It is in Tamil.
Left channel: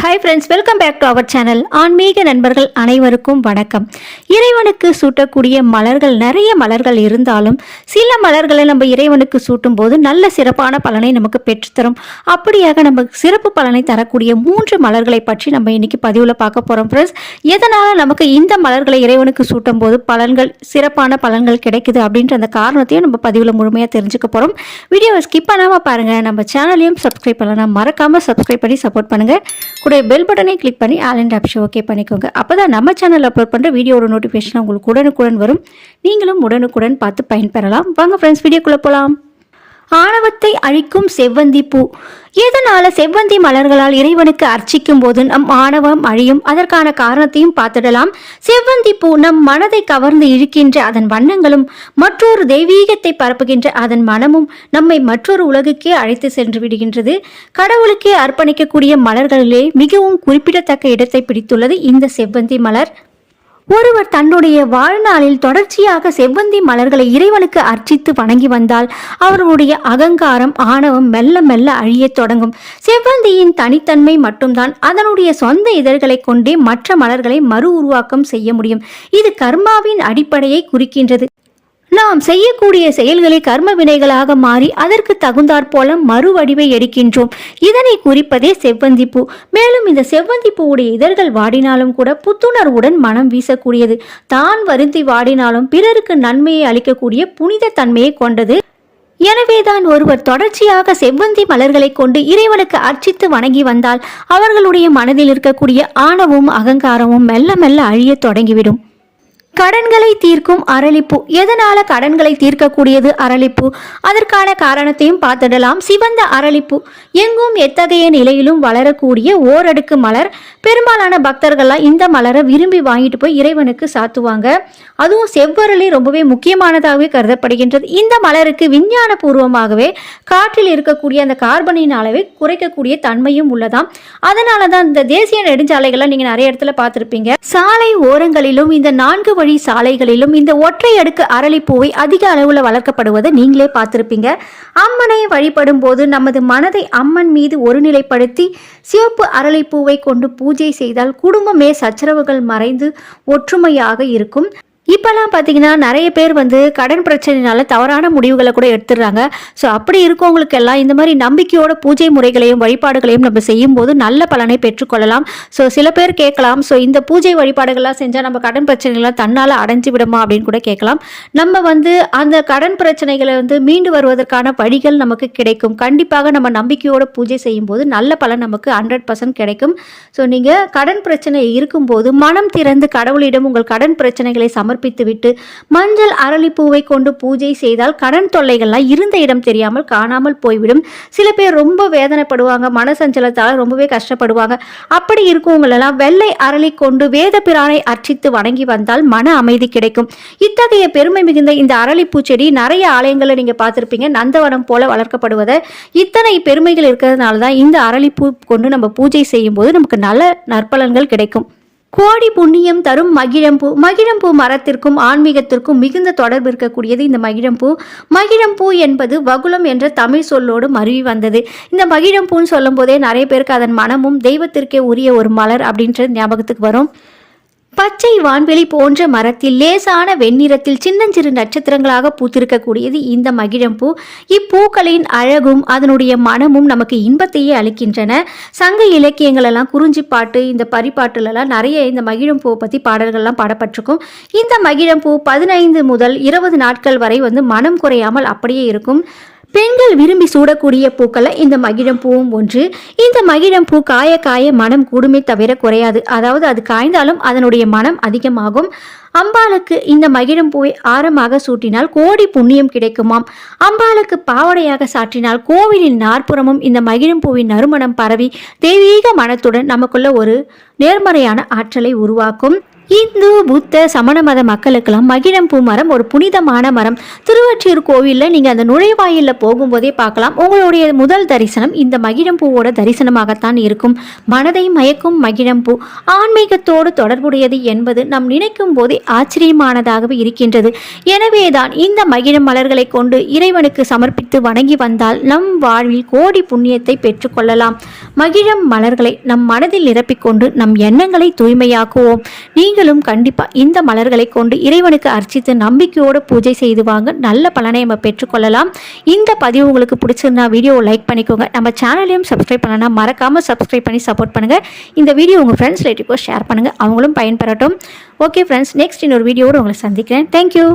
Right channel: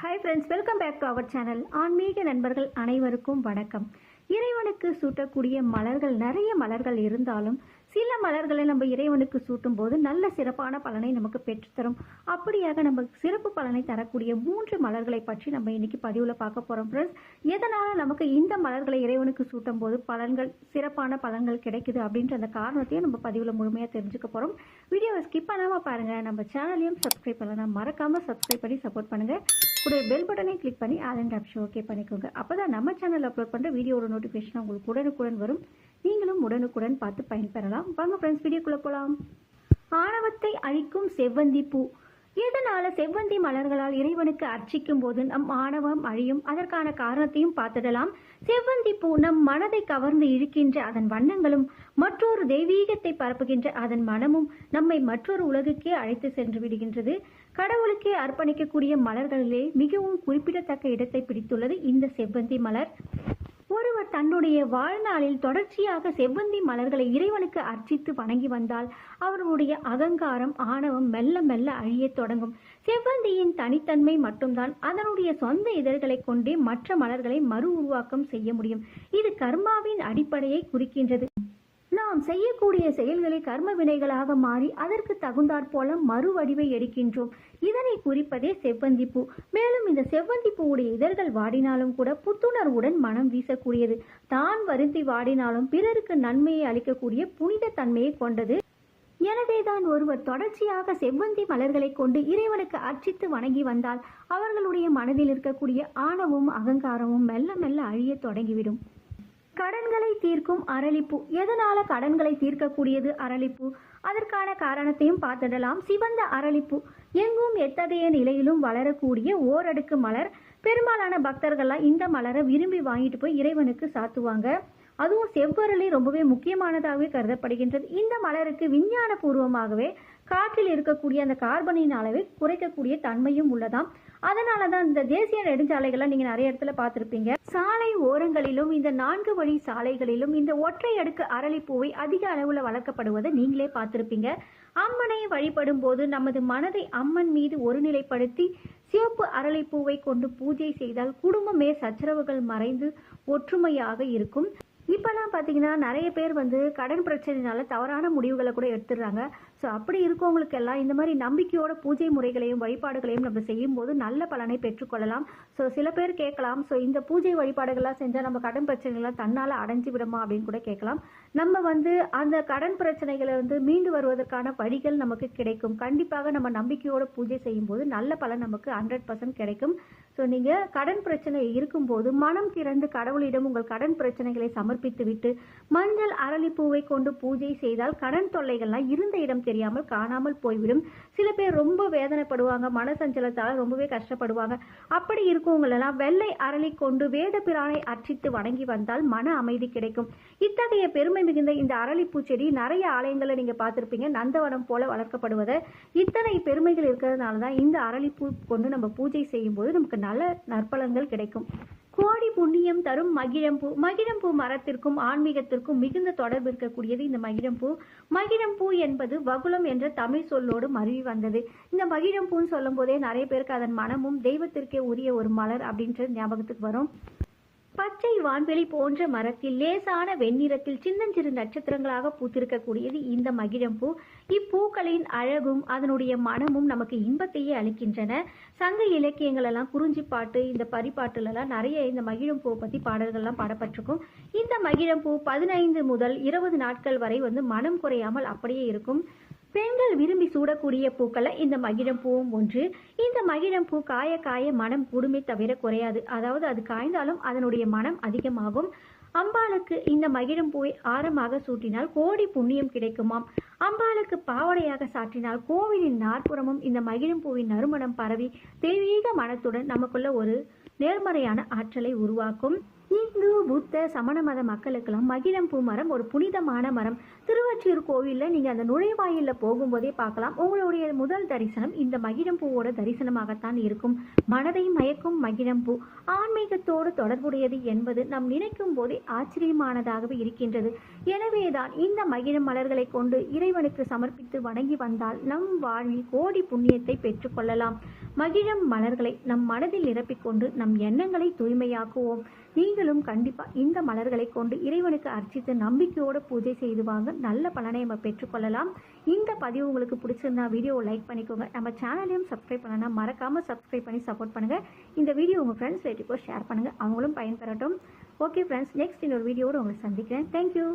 Hi friends welcome back to our channel ஆன்மீக நண்பர்கள் அனைவருக்கும் வணக்கம். இறைவனுக்கு சூட்டக்கூடிய மலர்கள் நிறைய மலர்கள் இருந்தாலும் சில மலர்களை நம்ம இறைவனுக்கு சூட்டும் போது நல்ல சிறப்பான பலனை நமக்கு பெற்றுத்தரும். அப்படியாக நமக்கு சிறப்பு பலனை தரக்கூடிய மூன்று மலர்களை பற்றி நம்ம இன்னைக்கு பதிவில் பார்க்க போகிறோம் ஃப்ரெண்ட்ஸ் எதனால் நமக்கு இந்த மலர்களை இறைவனுக்கு சூட்டும் போது பலன்கள் சிறப்பான பலன்கள் கிடைக்குது அப்படின்ற அந்த காரணத்தையும் நம்ம பதிவில் முழுமையாக தெரிஞ்சுக்க போகிறோம் வீடியோவை ஸ்கிப் பண்ணாமல் பாருங்கள் நம்ம சேனலையும் சப்ஸ்கிரைப் பண்ணலாம் மறக்காமல் சப்ஸ்கிரைப் பண்ணி சப்போர்ட் பண்ணுங்கள் கூட பெல் பட்டனை கிளிக் பண்ணி ஆல் அண்ட் ஆப்ஷன் ஓகே பண்ணிக்கோங்க. அப்போ தான் நம்ம சேனல் அப்லோட் பண்ணுற வீடியோட நோட்டிஃபிகேஷன் உங்களுக்கு உடனுக்குடன் வரும். நீங்களும் உடனுக்குடன் பார்த்து பயன்பெறலாம். வாங்க ஃப்ரெண்ட்ஸ் வீடியோக்குள்ளே போகலாம் ஆணவத்தை அழிக்கும் செவ்வந்தி பூ. எதனால செவ்வந்தி மலர்களால் இறைவனுக்கு அர்ச்சிக்கும் போது நம் ஆணவம் அழியும்? அதற்கான காரணத்தையும் பார்த்துடலாம். செவ்வந்தி பூ நம் மனதை கவர்ந்து இழுக்கின்ற அதன் வண்ணங்களும் மற்றொரு தெய்வீகத்தை பரப்புகின்ற அதன் மனமும் நம்மை மற்றொரு உலகுக்கே அழைத்து சென்று விடுகின்றது. கடவுளுக்கே அர்ப்பணிக்கக்கூடிய மலர்களிலே மிகவும் குறிப்பிடத்தக்க இடத்தை பிடித்துள்ளது இந்த செவ்வந்தி மலர். ஒருவர் தன்னுடைய வாழ்நாளில் தொடர்ச்சியாக செவ்வந்தி மலர்களை இறைவனுக்கு அர்ச்சித்து வணங்கி வந்தால் அவர்களுடைய அகங்காரம் ஆணவம் மெல்ல மெல்ல அழியத் தொடங்கும். செவ்வந்தியின் தனித்தன்மை மட்டும்தான் அதனுடைய சொந்த இதழ்களை கொண்டே மற்ற மலர்களை மறு உருவாக்கம் செய்ய முடியும். இது கர்மாவின் அடிப்படையை குறிக்கின்றது. நாம் செய்யக்கூடிய செயல்களை கர்ம வினைகளாக மாறி அதற்கு தகுந்தாற் போல மறுவடிவை எடுக்கின்றோம். இதனை குறிப்பதே செவ்வந்தி பூ மேலும் இந்த செவ்வந்தி பூவுடைய இதழ்கள் வாடினாலும் கூட புத்துணர்வுடன் மனம் வீசக்கூடியது. தான் வருந்தி வாடினாலும் பிறருக்கு நன்மையை அளிக்கக்கூடிய புனித தன்மையை கொண்டது. எனவேதான் ஒருவர் தொடர்ச்சியாக செவ்வந்தி மலர்களை கொண்டு இறைவனுக்கு அர்ச்சித்து வணங்கி வந்தால் அவர்களுடைய மனதில் இருக்கக்கூடிய ஆணவும் அகங்காரமும் மெல்ல மெல்ல அழியத் தொடங்கிவிடும். கடன்களை தீர்க்கும் அரளிப்பூ. எதனால கடன்களை தீர்க்கக்கூடியது அரளிப்பூ? அதற்கான காரணத்தையும் பார்த்துடலாம். சிவந்த அரளிப்பூ. எங்கும் எத்தகைய நிலையிலும் வளரக்கூடிய ஓரடுக்கு மலர். பெரும்பாலான பக்தர்கள்லாம் இந்த மலரை விரும்பி வாங்கிட்டு போய் இறைவனுக்கு சாத்துவாங்க. அதுவும் செவ்வரளி ரொம்பவே முக்கியமானதாகவே கருதப்படுகின்றது. இந்த மலருக்கு விஞ்ஞான பூர்வமாகவே காற்றில் இருக்கக்கூடிய அந்த கார்பனின் அளவை குறைக்கக்கூடிய தன்மையும் உள்ளதாம். அதனால தான் இந்த தேசிய நெடுஞ்சாலைகள்லாம் நீங்கள் நிறைய இடத்துல பார்த்துருப்பீங்க. சாலை ஓரங்களிலும் இந்த நான்கு வழி சாலைகளிலும் இந்த ஒற்றை அடுக்கு அரளிப்பூவை அதிக அளவில் வளர்க்கப்படுவதை நீங்களே பார்த்துருப்பீங்க. அம்மனை வழிபடும் போது நமது மனதை அம்மன் மீது ஒருநிலைப்படுத்தி சிவப்பு அரளிப்பூவை கொண்டு பூஜை செய்தால் குடும்பமே சச்சரவுகள் மறைந்து ஒற்றுமையாக இருக்கும். இப்போல்லாம் பார்த்தீங்கன்னா நிறைய பேர் வந்து கடன் பிரச்சனைனால தவறான முடிவுகளை கூட எடுத்துடுறாங்க. ஸோ அப்படி இருக்கவங்களுக்கு எல்லாம் இந்த மாதிரி நம்பிக்கையோட பூஜை முறைகளையும் வழிபாடுகளையும் நம்ம செய்யும்போது நல்ல பலனை பெற்றுக்கொள்ளலாம் ஸோ சில பேர் கேட்கலாம் ஸோ இந்த பூஜை வழிபாடுகள்லாம் செஞ்சால் நம்ம கடன் பிரச்சனைகள்லாம் தன்னால் அடைஞ்சு விடுமா? அப்படின்னு கூட கேட்கலாம். நம்ம வந்து அந்த கடன் பிரச்சனைகளை வந்து மீண்டு வருவதற்கான வழிகள் நமக்கு கிடைக்கும். கண்டிப்பாக நம்ம நம்பிக்கையோட பூஜை செய்யும்போது நல்ல பலன் நமக்கு ஹண்ட்ரட் பர்சன்ட் கிடைக்கும். ஸோ நீங்கள் கடன் பிரச்சனை இருக்கும்போது மனம் திறந்து கடவுளிடம் உங்கள் கடன் பிரச்சனைகளை சமர்ப்பித்துவிட்டு மஞ்சள் அரளிப்பூவை கொண்டு பூஜை செய்தால் கடன் தொல்லைகள்லாம் இருந்த இடம் தெரியாமல் காணாமல் போய்விடும். சில பேர் ரொம்ப வேதனைப்படுவாங்க மனசஞ்சலத்தால் ரொம்பவே கஷ்டப்படுவாங்க. அப்படி இருக்கவங்களெல்லாம் வெள்ளை அரளி கொண்டு வேத பிரானை அர்ச்சித்து வணங்கி வந்தால் மன அமைதி கிடைக்கும். இத்தகைய பெருமை மிகுந்த இந்த அரளிப்பூ செடி நிறைய ஆலயங்களில் நீங்கள் பார்த்துருப்பீங்க. நந்தவனம் போல வளர்க்கப்படுவதை. இத்தனை பெருமைகள் இருக்கிறதுனால தான் இந்த அரளிப்பூ கொண்டு நம்ம பூஜை செய்யும்போது நமக்கு நல்ல நற்பலன்கள் கிடைக்கும். கோடி புண்ணியம் தரும் மகிழம்பூ. மகிழம்பூ மரத்திற்கும் ஆன்மீகத்திற்கும் மிகுந்த தொடர்பு இருக்கக்கூடியது இந்த மகிழம்பூ. மகிழம்பூ என்பது வகுலம் என்ற தமிழ் சொல்லோடு மருவி வந்தது. இந்த மகிழம்பூன்னு சொல்லும்போதே நிறைய பேருக்கு அதன் மனமும் தெய்வத்திற்கே உரிய ஒரு மலர் அப்படின்றது ஞாபகத்துக்கு வரும். பச்சை வான்வெளி போன்ற மரத்தில் லேசான வெண்ணிறத்தில் சின்னஞ்சிறு நட்சத்திரங்களாக பூத்திருக்கக்கூடியது இந்த மகிழம்பூ. இப்பூக்களின் அழகும் அதனுடைய மனமும் நமக்கு இன்பத்தையே அளிக்கின்றன. சங்க இலக்கியங்களெல்லாம் குறிஞ்சிப்பாட்டு இந்த பரிப்பாட்டுலலாம் நிறைய இந்த மகிழம்பூவை பற்றி பாடல்கள்லாம் பாடப்பட்டிருக்கும். இந்த மகிழம்பூ பதினைந்து முதல் இருபது நாட்கள் வரை வந்து மனம் குறையாமல் அப்படியே இருக்கும். பெண்கள் விரும்பி சூடக்கூடிய பூக்களை இந்த மகிழம் பூவும் ஒன்று. இந்த மகிழம் பூ காய காய மனம் கூடுமே தவிர குறையாது. அதாவது அது காய்ந்தாலும் அதனுடைய மனம் அதிகமாகும். அம்பாளுக்கு இந்த மகிழம் பூவை ஆரமாக சூட்டினால் கோடி புண்ணியம் கிடைக்குமாம். அம்பாளுக்கு பாவடையாக சாற்றினால் கோவிலின் நாற்புறமும் இந்த மகிழம் பூவின் நறுமணம் பரவி தெய்வீக மனத்துடன் நமக்குள்ள ஒரு நேர்மறையான ஆற்றலை உருவாக்கும். இந்து புத்த சமண மத மக்களுக்கெல்லாம் மகிழம் பூ மரம் ஒரு புனிதமான மரம். திருவற்றியூர் கோவிலில் நீங்கள் அந்த நுழைவாயிலில் போகும்போதே பார்க்கலாம். உங்களுடைய முதல் தரிசனம் இந்த மகிழம் பூவோட தரிசனமாகத்தான் இருக்கும். மனதை மயக்கும் மகிழம் பூ. ஆன்மீகத்தோடு தொடர்புடையது என்பது நாம் நினைக்கும் போதே ஆச்சரியமானதாகவே இருக்கின்றது. எனவேதான் இந்த மகிழம் மலர்களை கொண்டு இறைவனுக்கு சமர்ப்பித்து வணங்கி வந்தால் நம் வாழ்வில் கோடி புண்ணியத்தை பெற்றுக்கொள்ளலாம் மகிழம் மலர்களை நம் மனதில் நிரப்பிக்கொண்டு நம் எண்ணங்களை தூய்மையாக்குவோம். நீங்கள் நீங்களும் கண்டிப்பாக இந்த மலர்களை கொண்டு இறைவனுக்கு அர்ச்சித்து நம்பிக்கையோடு பூஜை செய்து வாங்க நல்ல பலனை நம்ம பெற்றுக்கொள்ளலாம். இந்த பதிவு உங்களுக்கு பிடிச்சிருந்தா வீடியோவை லைக் பண்ணிக்கோங்க. நம்ம சேனலையும் சப்ஸ்கிரைப் பண்ணனா மறக்காமல் சப்ஸ்கிரைப் பண்ணி சப்போர்ட் பண்ணுங்கள் இந்த வீடியோ உங்கள் ஃப்ரெண்ட்ஸ் ரிலேட்டிவ்க்கோ ஷேர் பண்ணுங்கள் அவங்களும் பயன்பெறட்டும். ஓகே ஃப்ரெண்ட்ஸ் நெக்ஸ்ட் இன்னொரு வீடியோவோடு உங்களை சந்திக்கிறேன். தேங்க்யூ